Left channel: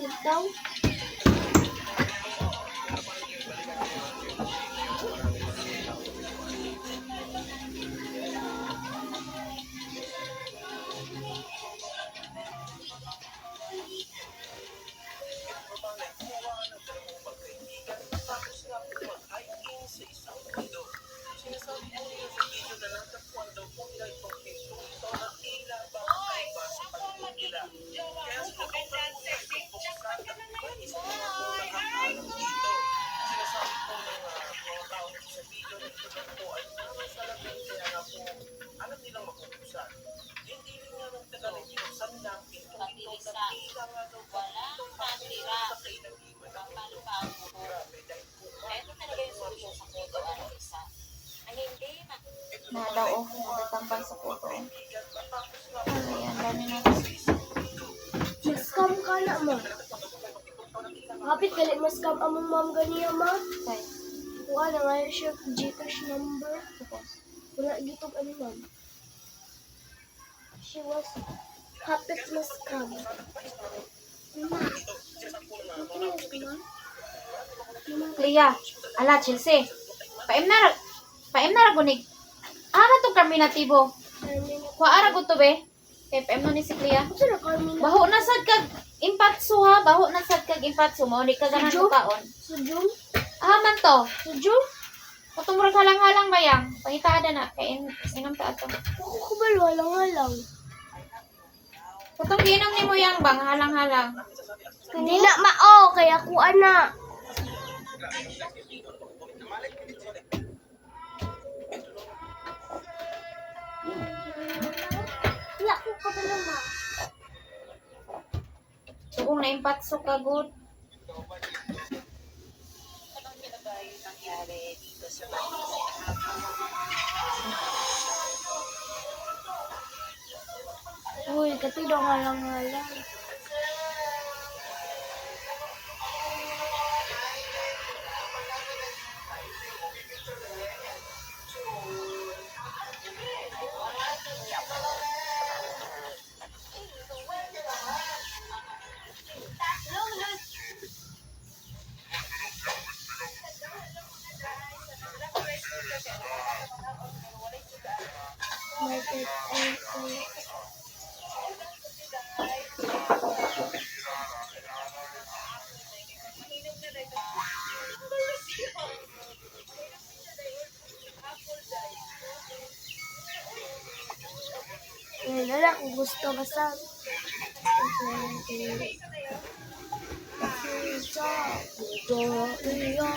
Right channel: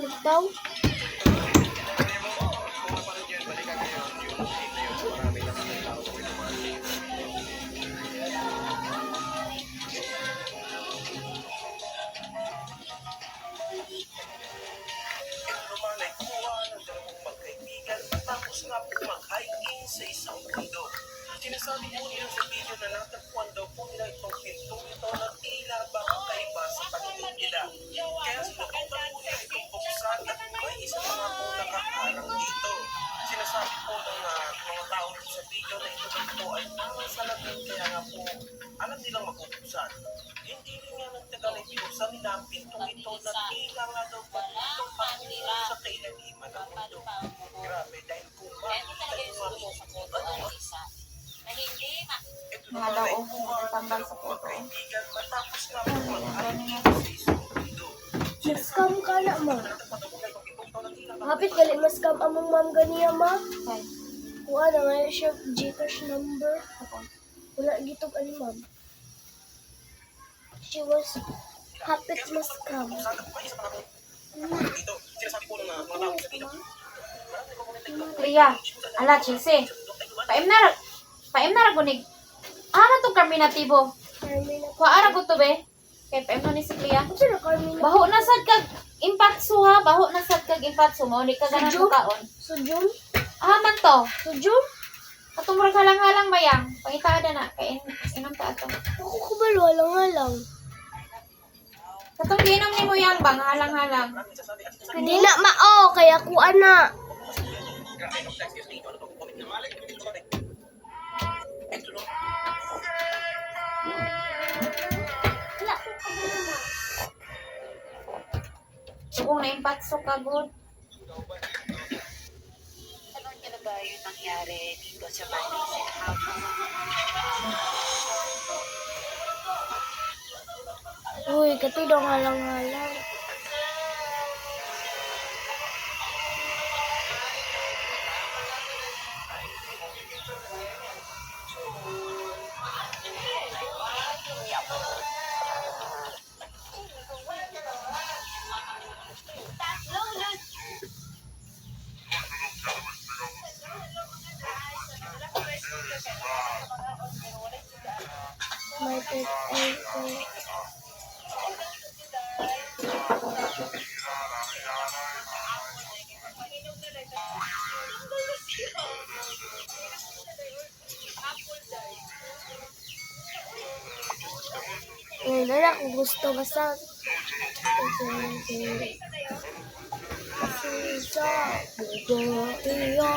Litaw. Sa isang mundo. Sinasabi po nila sa video na natagpuan daw po nila itong pintong ito na tila kakaiba sa paningin nila. Kaya sinubukan po nila itong buksan at may isa na nga po nakaharang dito. Sinasabi po ng mga tao sa video na ito daw po ay parang salamin kaya nga po alam nilang mabubuksan. Hindi rin nga nagtagal ay binuksan nila ang pintong ito na tila nga daw po itong panginoon sa kailaliman ng mundo. Grabe dahil po Ito talaga yung solution sa photo ay isa. Na hindi Na daw oh, natatambal sa photo. Ano yan, dami na. Mag-scam ka na, ma. Hapit gali mas-scam among ma'am ganiya, ma. Say, Kuha na nga siya Gcash number. tapos. Wala gitog ani, ma'am. She was hapit mas-scam. Clea, ala, Chelsea. Paim na ragunig. Ano to Carminatibo? Kuha ra to be. Kay paim no ni si Clea. Ano na, Carmina? Baho na sad kag impatso ha, baho na sad kag impatso mo ni kaganan Sujud? ko kaon. Sujum? Ah man to. Sujum? Katong murag halang-halang bayang. Pangitada na kay inom ta ato. Ako kabalo, halang-halang. Katong giinom nimo yang bang halang-halang. Hindi na mao, kaya kuha na. Wala ko kabalo, ma. Sugong na impatso ka good. alam niyo na ba yung nangyari dito sa bahay sa Uy, katidong halang-halang. My bed, wala ko gusto basta kasi sa budo iyo